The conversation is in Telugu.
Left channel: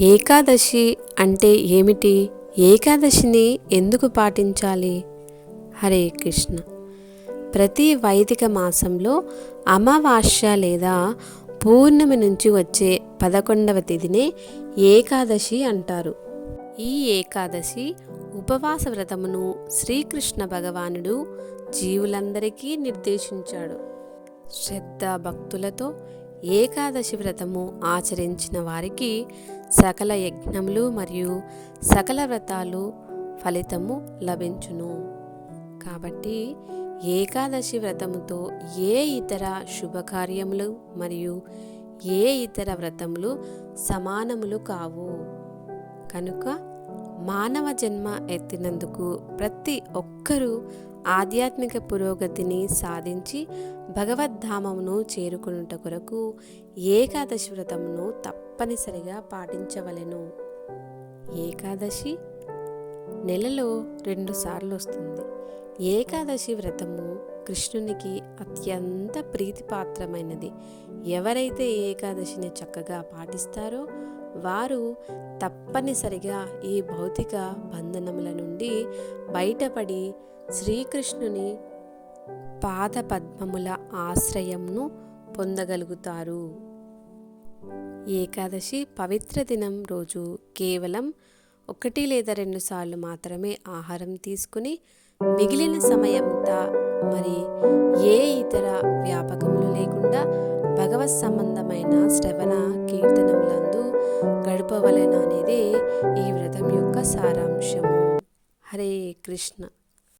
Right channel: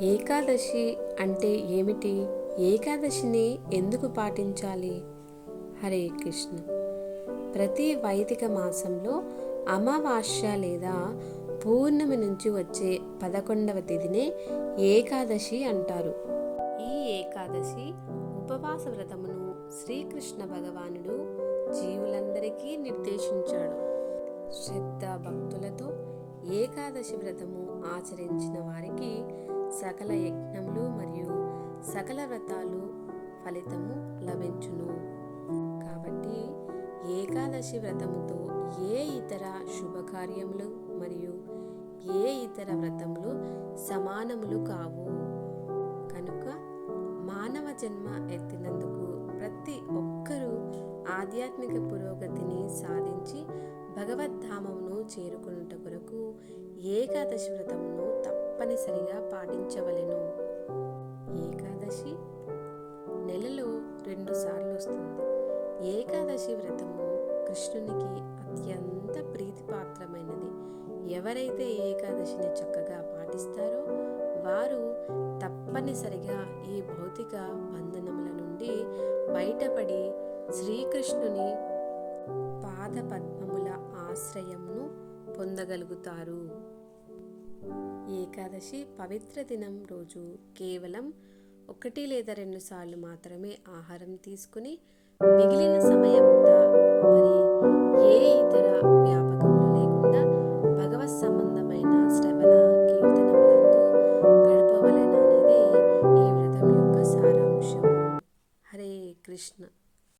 ఏకాదశి అంటే ఏమిటి? ఏకాదశిని ఎందుకు పాటించాలి? హరే కృష్ణ. ప్రతి వైదిక మాసంలో అమావాస్య లేదా పూర్ణమి నుంచి వచ్చే పదకొండవ తేదీనే ఏకాదశి అంటారు. ఈ ఏకాదశి ఉపవాస వ్రతమును శ్రీకృష్ణ భగవానుడు జీవులందరికీ నిర్దేశించాడు. శ్రద్ధ భక్తులతో ఏకాదశి వ్రతము ఆచరించిన వారికి సకల యజ్ఞములు మరియు సకల వ్రతాలు ఫలితము లభించును. కాబట్టి ఏకాదశి వ్రతముతో ఏ ఇతర శుభకార్యములు మరియు ఏ ఇతర వ్రతములు సమానములు కావు. కనుక మానవ జన్మ ఎత్తినందుకు ప్రతి ఒక్కరూ ఆధ్యాత్మిక పురోగతిని సాధించి భగవద్ధామమును చేరుకునుట కొరకు ఏకాదశి వ్రతమును తప్పనిసరిగా పాటించవలెను. ఏకాదశి నెలలో రెండు సార్లు వస్తుంది. ఏకాదశి వ్రతము కృష్ణునికి అత్యంత ప్రీతిపాత్రమైనది. ఎవరైతే ఏకాదశిని చక్కగా పాటిస్తారో వారు తప్పనిసరిగా ఈ భౌతిక బంధనముల నుండి బయటపడి శ్రీకృష్ణుని పాద పద్మముల ఆశ్రయంను పొందగలుగుతారు. ఏకాదశి పవిత్ర దినం రోజు కేవలం ఒకటి లేదా రెండు సార్లు మాత్రమే ఆహారం తీసుకుని మిగిలిన సమయంతా మరి ఏ ఇతర వ్యాపకములు లేకుండా భగవత్ సంబంధమైన శ్రవణ కీర్తనములందు గడపవలన అనేది ఈ వ్రతం యొక్క సారాంశము. హరే కృష్ణ.